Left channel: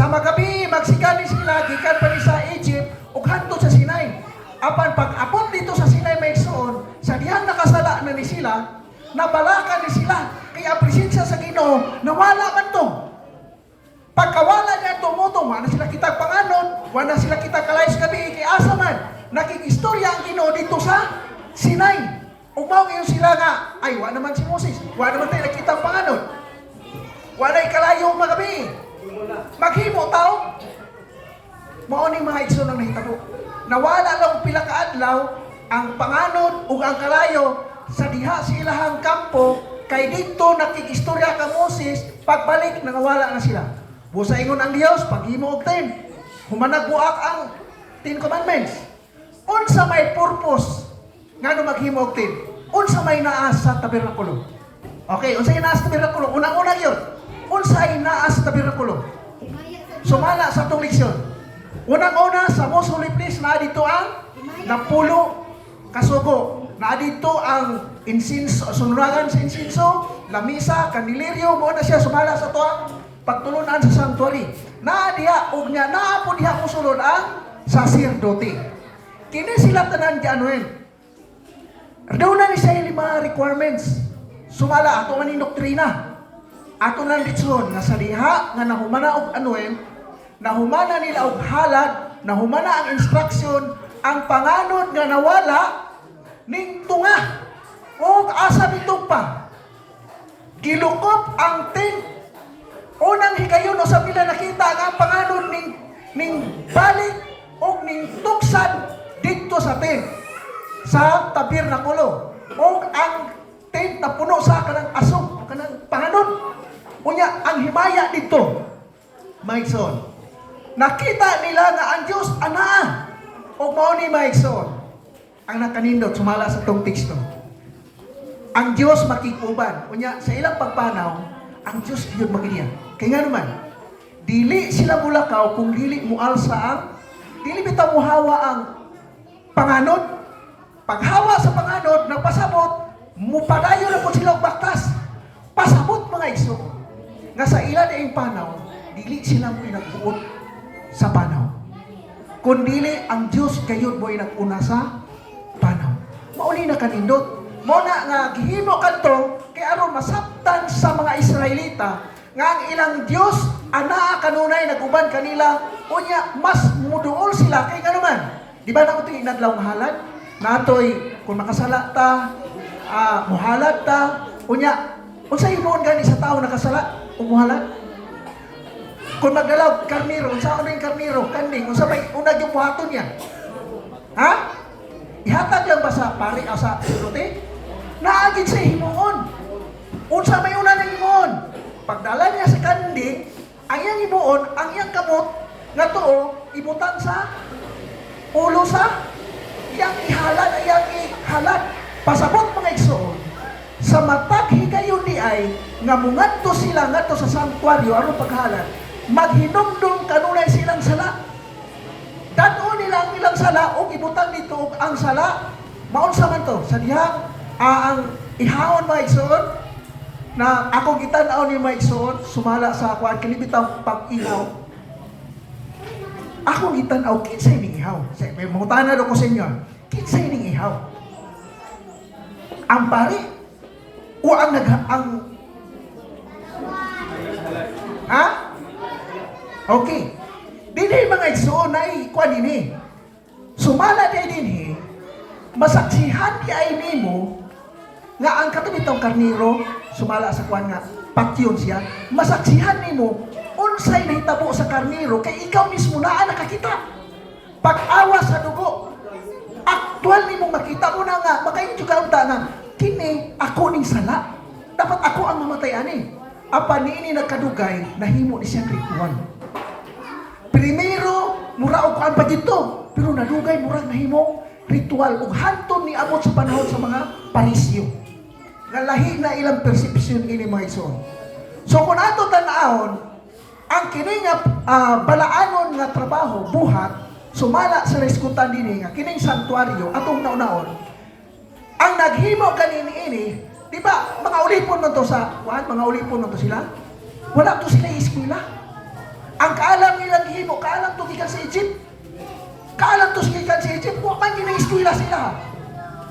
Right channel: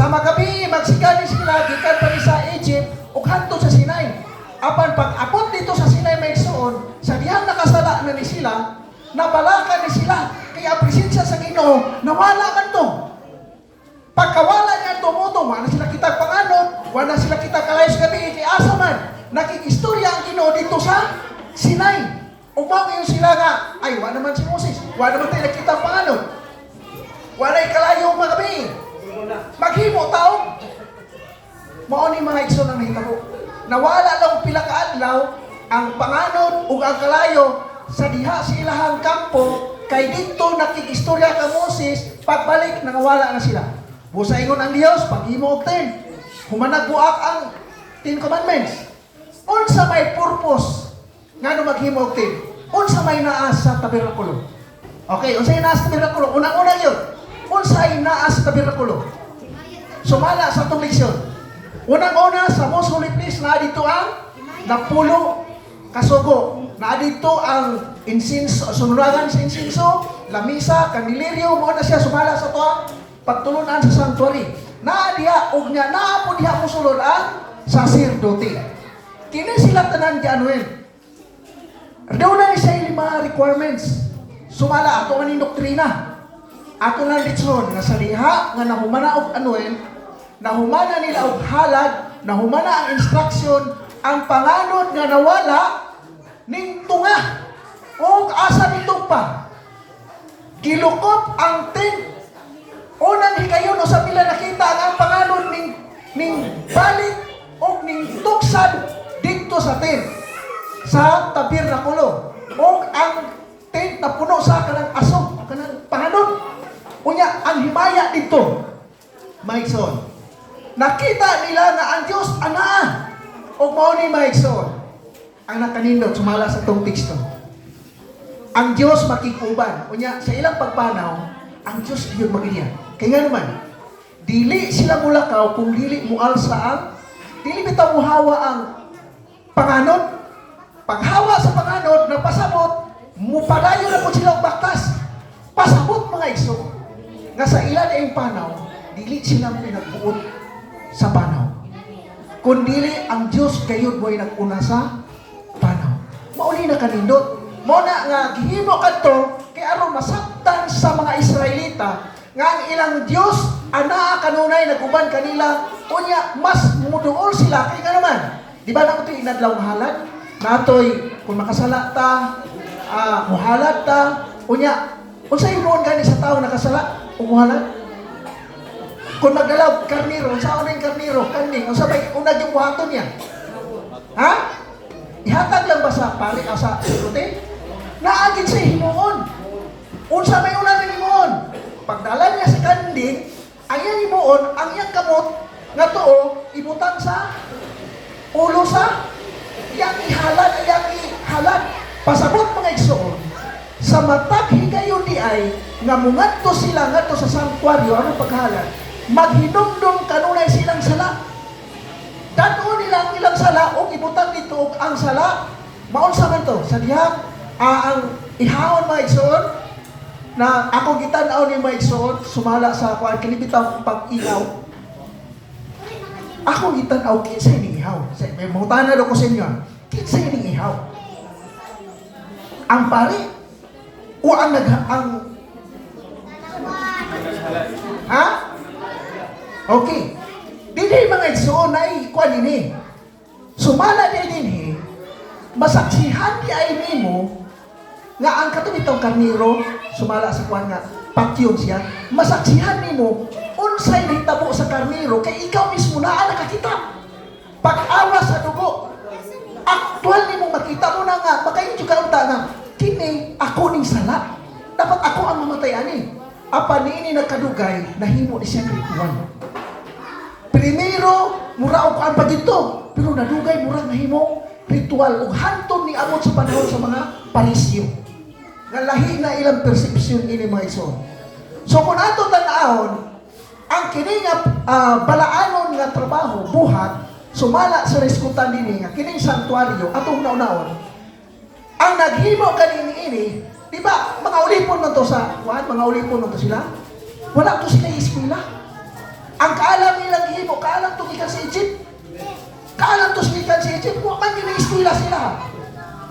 Sa magabi, magsigani sila, gikan pa ni sa Egypt, ug hanto sa Sinai. Apan pag-abot dito sa Sinai may igsoon, sa dihang nakasala na ni sila, nabalakan ni sila, kaya presensya sa Ginoo, nawala man to. Pagkawala niya tumuto, wala sila kitag panganon, wala sila kitag kalayos gabi, kay asa man, nakikistorya ang Ginoo dito sa Sinai. Umaw ngayon sila nga, ay wala naman si Moses, wala naman tayo nakitag panganon. Wala'y kalayo magabi. Maghimo tao. Mao ni mga igsoon ang nahitabo. Nawala lang pila ka adlaw ang panganon ug ang kalayo sa diha sa ilahang kampo kay dito nakikistorya ka Moses, pagbalik nawala na sila. Busa ingon ang Dios paghimo og 10. Humanagbuak ang 10 commandments. Unsa may purpose ngano maghimo og 10? Unsa may naa sa tabernakulo? Okay, unsa may naa sa tabernakulo? Unang-una yun. Unsay naa sa tabernakulo? Sumala sa itong leksyon. Unang-una sa most holy place na dito ang napulo kasugo. Na dito ang incense, sunuragan sa insinso, lamisa, kaniliryo, mo na siya sumala sa ito ang pagtulunan sa sanctuary. Na diha, ug niya, naa po diha musulod ang sacerdote. Kini sila tanan dianuin. Daw na siya yung mga requirements. Sumala ato maning doktrina. Ato nang ditson nga sa diha nga nahumana og anuin, nahumana nila og halad, nahumana ang instruction, ang panganod nga nawala ning tunga. O asa nitong pa? Gilukop ang tent. Unang higayon o sa pila nakita ang panganod ning balik o ning tuksan dito sa tent. Sa tabernakulo. O ang tent na puno sa kanang asong, kanang panganod. Unya, ang himaya dito, Maigsoon. Nakita nila na ang Diyos, anaa. O mao ni Maigsoon. Ang nakanindot, sumala sa itong teksto. Ang Diyos makikuban. Unya, sa ilang pagpanaw, ang Diyos yun magiliya. Kaya nga naman, dili sila mulakaw kung dili mualsa ang, dili bitaw muhawa ang panganod. Paghawa sa panganod, napasabot, mupadayo na po sila baktas. Pasabot mga igsoon. Nga sa ilan ay panaw, dili sila mo nagbuot sa panaw. Kundili ang Diyos kayo mo'y nag-una sa panaw. Mauli na kanindot. Muna nga, gihimo kanto, kaya aron masabtan sa mga Israelita, nga ang ilang Diyos, anaa kanunay, nag-uban kanila, unya, mas muduol sila, kaya nga naman. Di ba na ito inadlaw mahalad? Natoy, kung makasala ta, muhalad ta, unya, kung sa inuon gani sa tao nakasala, umuhalad. Kung magdalaw, karniro, saan na yung karniro, kaning, kung sabay, unag yung buhaton yan. Ha? Ihatag lang ba sa pari o sa sirutin? Naagin sa himuon. Unsa may una ng himuon. Pagdala niya sa kanding, ang iyang himuon, ang iyang kamot, nga tuo, ibutan sa ulo sa iyang ihalad, iyang ihalad. Pasabot mga igsoon, sa matag higayon di ay, nga mungadto sila ngadto sa sanctuaryo, ano paghalad? Maghinumdum kanunay silang sala. Dato nila ang ilang sala, o ibutan dito ang sala. Maunsa man to, sa dihang, ang ihawon mga igsoon, na ako gitanaw ni mga igsoon, sumala sa ako, ang kinibitang pag-ihaw. Ako gitanaw, kinsay ning ihaw. May mutana daw ko sa inyo, kinsay ning ihaw. Ang pari, o ang ha? Okay. Dili mga igsoon na ikuan ini. Sumala di din masaksihan di ay nimo nga ang katubitang karniro sumala sa kuan nga patyon siya. Masaksihan nimo unsay nahitabo sa karniro kay ikaw mismo naa nakakita. Pag-awa sa dugo. Aktual nimo makita mo na nga makayon jud ka unta na kini ako ning sala. Dapat ako ang mamatay ani. Apa niini nagkadugay nahimo ni siya ritual. Primero, mura og pa dito, pero nadugay mura nahimo ritual ug hantod ni amot sa panahon sa mga parisyo. Nga lahi na ilang perception ini mga igsoon. So kung ato tan-awon, ang kini nga balaanon nga trabaho buhat sumala sa reskutan dinhi nga kining sanctuaryo atong naunahon. Ang naghimo kanini ini, di ba, mga ulipon man to sa, mga ulipon man to sila? Wala to sila eskwela. Ang kaalam nilang gihimo, kaalam to gikan sa Egypt. Kaalam to gikan sa Egypt, wa man gina-eskwela sila.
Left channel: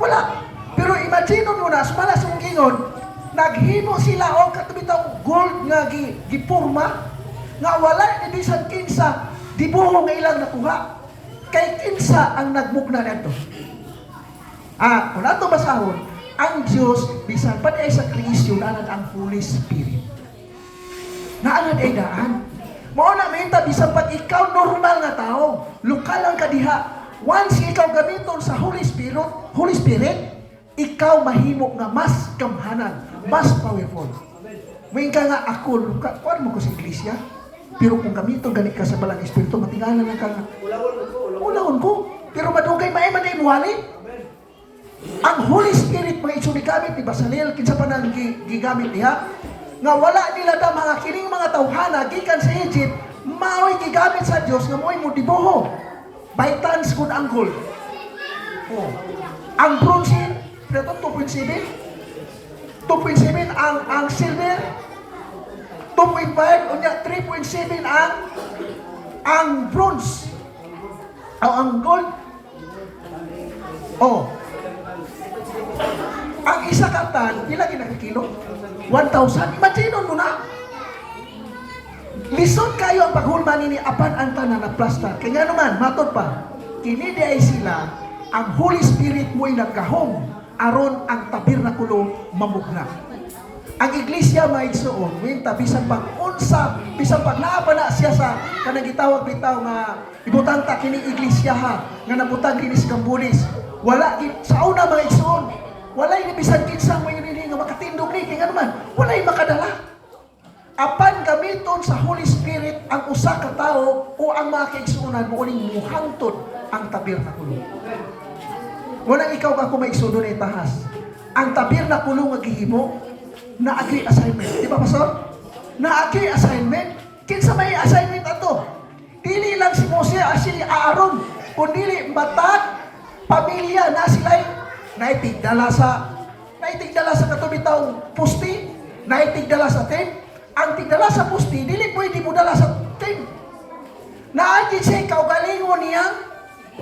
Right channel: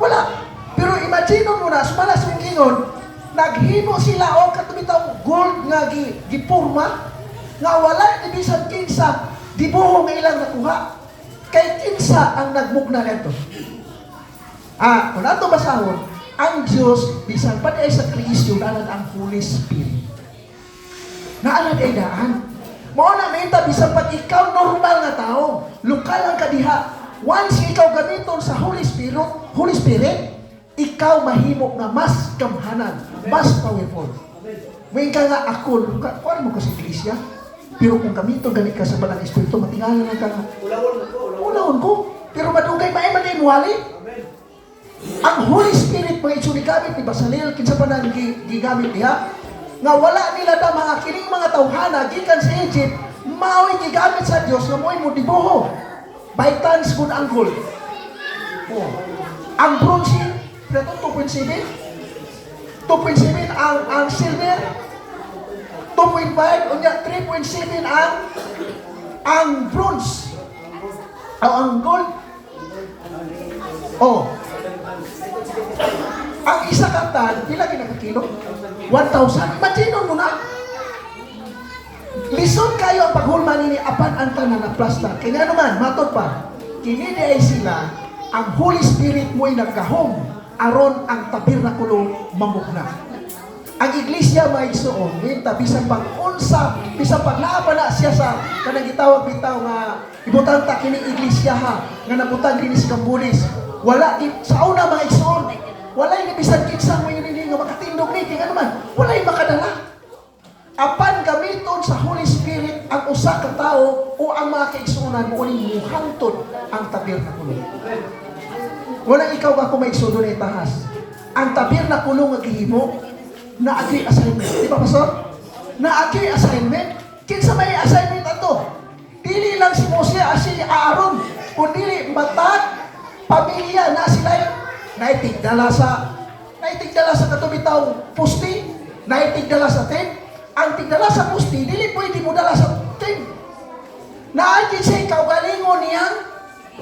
Wala. Pero imagine mo na, sumala sa gingon, naghimo sila o katubitang gold nga gipurma, nga wala ni bisan kinsa, dibuho nga ilang nakuha. Kay kinsa ang nagmugna kanto. Kung nato basahon, ang Diyos, bisan pa ay sa Kristo, nanan ang Holy Spirit. Naanan ay daan. Mao na menta, bisan pag ikaw normal nga tao, lokal ang kadiha, once ikaw gamiton sa Holy Spirit, ikaw mahimo nga mas kamhanan, mas powerful. May ka nga ako, kuwan mo ko sa iglesia, pero kung gamiton ganit ka sa balang Espiritu, matingalan lang ka nga. Ulahon ko. Pero madugay magay muwali. Ang Holy Spirit mga itsuri gamit ni Basalel, kinsa pa nang gigamit niya, nga wala nila na mga kining mga tawhana, gikan sa Egypt, mao'y gigamit sa Diyos nga mo'y mo dibuho. By tons good ang gold. Ang bronze, ito 2.7. 2.7 ang silver. 2.5, unya 3.7 ang bronze. Ang gold. Ang isa katan, pila ginagkilo? 1,000. Imagine mo na. Lison kayo ang paghulma nini apan ang tanan na plasta. Kaya naman, matod pa. Kini di ay sila, ang Holy Spirit mo'y nagkahom aron ang tabernakulo mamukna. Ang iglesia may igsoon, minta bisan pag unsa, bisan pag naapa na siya sa kanang gitawag bitaw nga ibutang ta kini iglesia ha, nga nabutang dinhi sa Cambodia. Wala sa una mga igsoon, wala ni bisan kinsa mo yun nga makatindog ni kaya naman, wala makadala. Apan gamiton sa Holy Spirit ang usa ka tao o ang mga kaigsuonan mo uning muhangtod ang tabernakulo. Wala ikaw ba kung maigsuon ay tahas. Ang tabernakulo nga gihimo naagi assignment. Di ba, Pastor? Naagi assignment. Kinsa may assignment ato? Dili lang si Moses, si Aaron, kundi matag pamilya na sila naitigdala sa katubitaw pusti, naitigdala sa tent. Ang tigdala sa pusti, dili pwede mo dala sa tent. Naagi siya kaugalingon niyang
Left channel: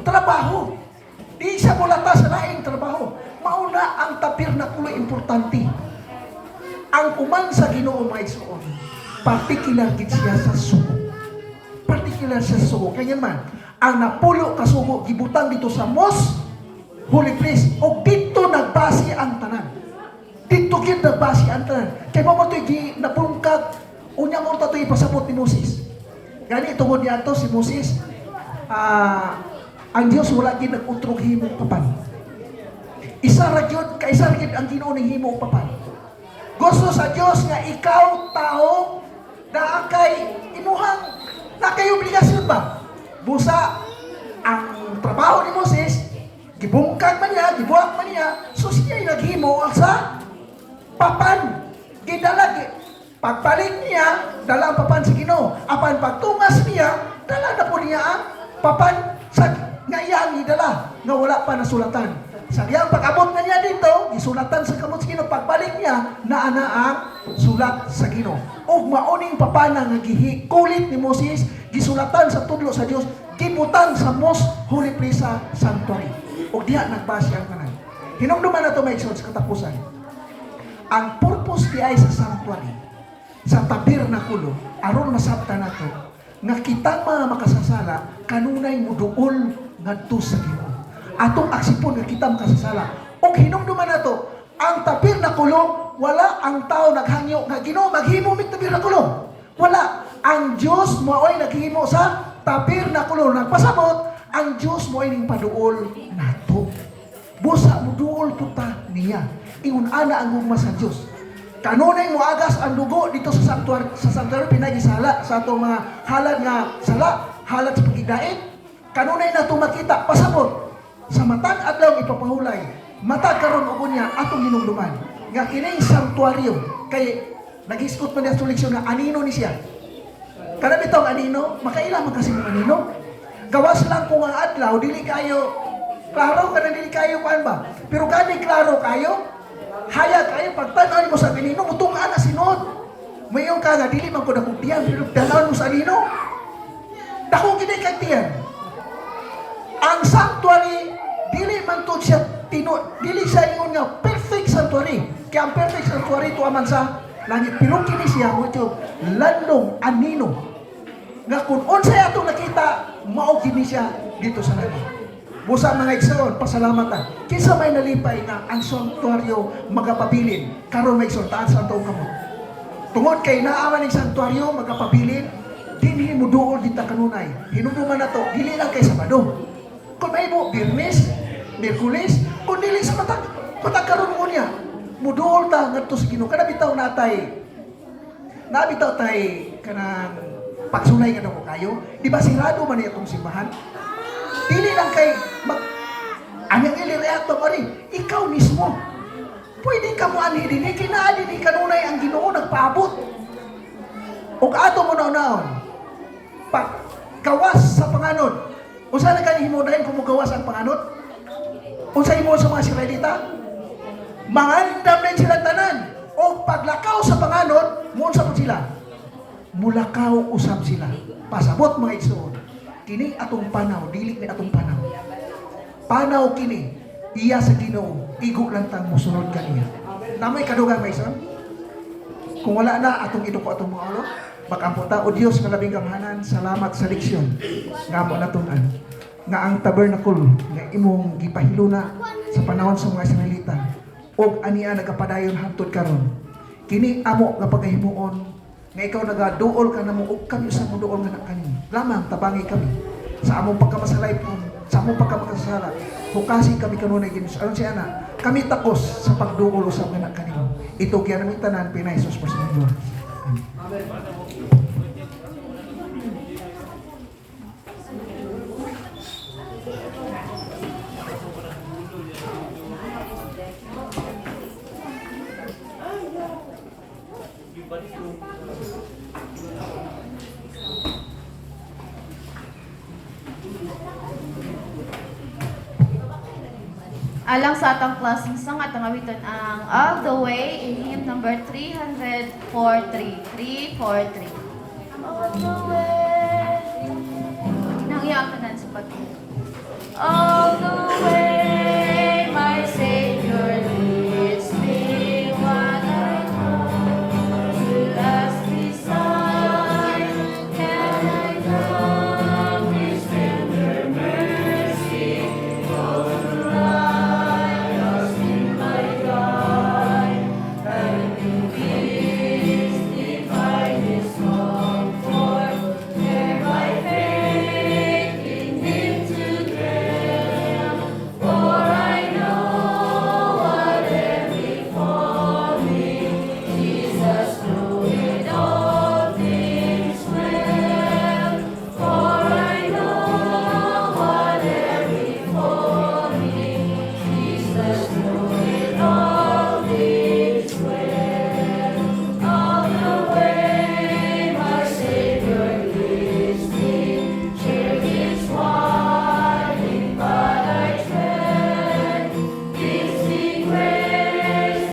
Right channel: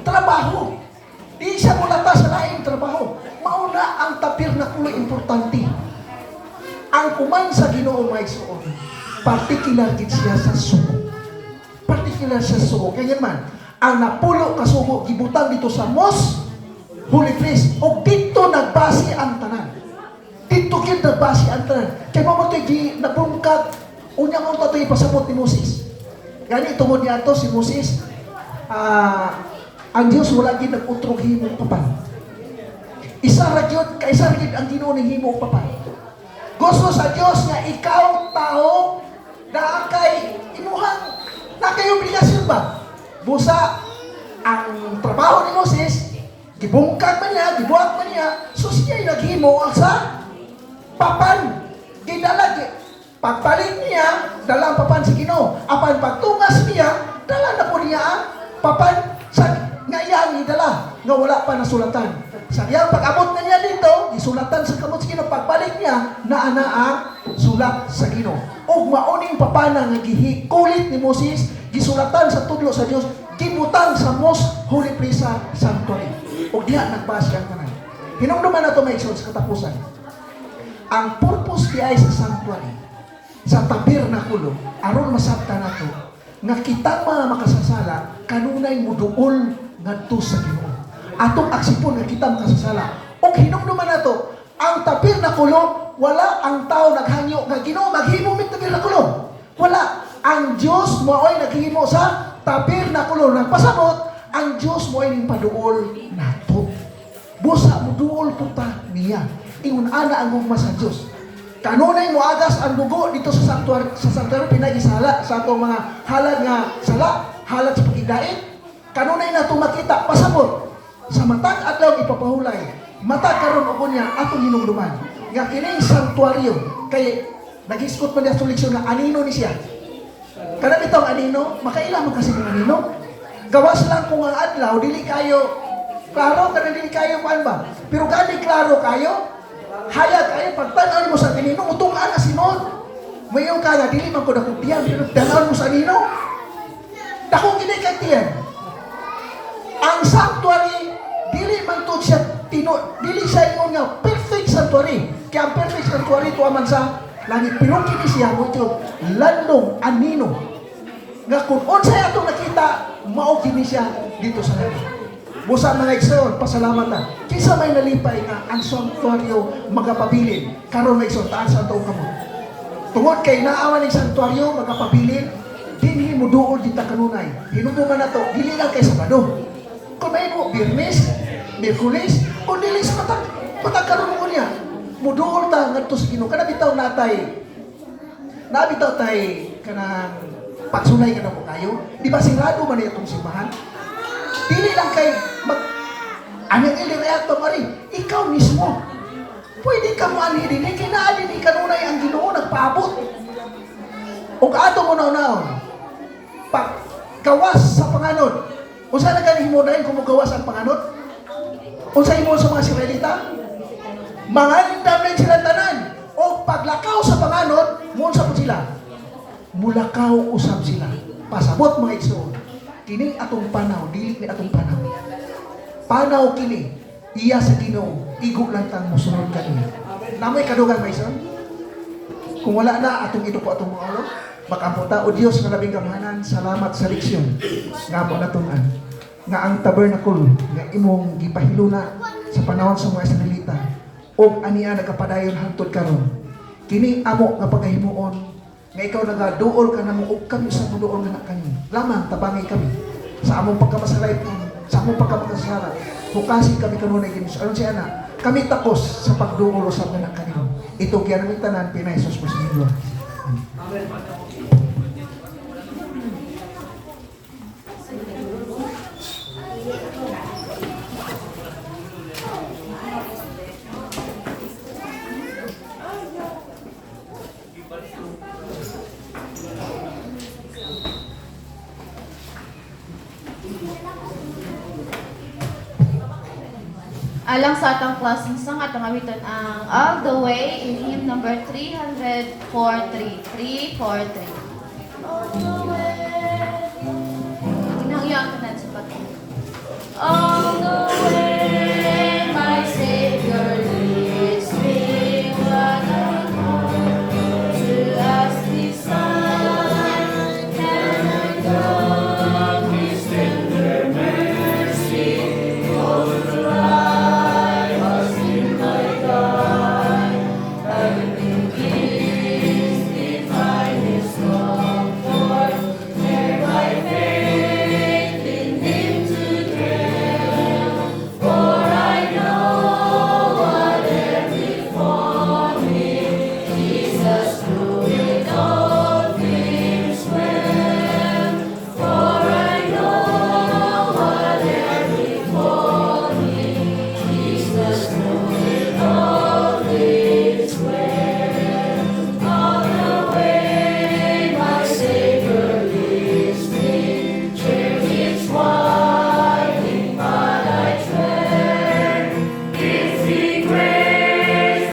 trabaho. Di siya mulata sa laing trabaho. Mauna ang tabernakulo importante. Ang kuman sa Ginoo may suon, particular gid siya sa sugo. Particular sa sugo. Kaya man, ang napulo ka sugo gibutang dito sa most holy place o dito nagbase ang tanan. Dito gid nagbase ang tanan. Kaya mo gi napungkag unya mo to ipasabot ni Moses. Gani tungod niya to si Moses, ang Dios wala gid nag-utrog himo papan. Isa ra gyud kaisa gid ang Ginoo ning himo papan. Gusto sa Diyos nga ikaw, tao, na kay imuhang, na kay obligasyon ba? Busa, ang trabaho ni Moses, gibungkag man niya, gibuhat man niya, so siya naghimo ang sa papan. Gidalag, pagpalit niya, dala ang papan sa Ginoo. Apan pagtungas niya, dala na po niya ang papan sa ngayang idala, nga wala pa nasulatan. Sa iyang pag-abot na niya dito, isulatan sa kamot sa Ginoo, pagbalik niya, naana ang sulat sa Ginoo. O mauning papanang nga gihikulit ni Moses, gisulatan sa tudlo sa Dios, gibutang sa most holy place sa sanctuary. O diha nagbasa ang tanan. Hinumduman na ito may sa katapusan. Ang purpose di ay sa sanctuary, sa tabernakulo, aron masabta nato, nga kitang mga makasasala, kanunay muduol ngadto sa Ginoo. Atong aksipon nga kita makasasala. O hinumduman na to, ang tabernakulo, wala ang tao naghangyo nga Ginoo maghimo mit tabernakulo. Wala. Ang Dios mo'y naghimo sa tabernakulo. Nagpasabot, ang Dios mo'y ning paduol nato. Busa mo duol puta niya. Ingon ana ang gugma sa Dios. Kanunay mo agas ang dugo dito sa sanctuary pinagisala sa atong mga halad nga sala, halad sa pagidait. Kanunay na ito makita, pasabot. Sa matag adlaw ipapahulay, matag karon ugon niya atong hinumduman. Nga kining sanctuaryo kay nag-iskot man sa leksyon na anino ni siya. Kada bitaw anino, makailan mo kasi ng anino. Gawas lang kung ang adlaw dili kayo klaro kada dili kayo kuan ba. Pero gani klaro kayo, hayag kayo pagtan-an mo sa anino utong ana simon. Mayon ka nga dili man ko nakutiyan pero dalan mo sa anino. Dako gini katiyan. Ang sanctuary dili man to siya dili siya ingon nga perfect sanctuary. Kaya ang perfect sanctuary to aman sa langit. Pero kini siya mo ito landong anino. Nga kung unsay ato nakita, mao kini siya dito sa langit. Busa mga igsoon, pasalamat na. Kinsa may nalipay nga ang sanctuaryo magapabilin. Karon nga igsoon, taas ang taong kamo. Tungod kay naaman ng sanctuaryo magapabilin, dinhi mo duol kita kanunay. Hinuduman na to, dili lang kay Sabado. Kung may mo, Birnes, Miyerkules, kung dili sa matagkaroon mo niya, muduol ta ngadto sa Ginoo. Kada bitaw natay, nabitaw tay kanang pagsulay ka na mo kayo. Di ba sigurado man itong simbahan? Dili lang kay anyang ilireato pa rin. Ikaw mismo. Pwede ka mo ani din. Kaya naali ni kanunay ang Ginoo nagpaabot. O ato mo na-unaon. Paggawas sa panganod. Usa na kayo mo dahil kung gawas ang panganod? Usa mo sa mga Israelita? Mangandam na sila tanan. O paglakaw sa panganod, muunsa po sila. Mulakaw usab sila. Pasabot mga igsoon. Kini atong panaw, dili ni atong panaw. Panaw kini, iya sa Ginoo, igo lang tang musunod kani. Namay kadugan mga igsoon. Kung wala na atong ito po atong mga ulo, makamputa o Dios na labing kamahanan, salamat sa leksyon. Nga mo natunan. Nga ang tabernacle nga imong gipahiluna sa panahon sa mga Israelita o aniya nagapadayon hangtod karon. Kini amo nga pagkahimuon nga ikaw nagaduol ka na mo og kami sa muduol nga na kami. Lamang tabangi kami sa among pagkamasalay sa among pagkamakasala. Fokasi kami kanunay din sa ayon siya na. Kami takos sa pagduol sa mga kanino. Ito gyud ang tanan pinay sus mo sa inyo. Alang sa atong klaseng sang atong awiton ang All the Way in hymn number 343. 343. All the way. Inauyang ko na sa pag. All the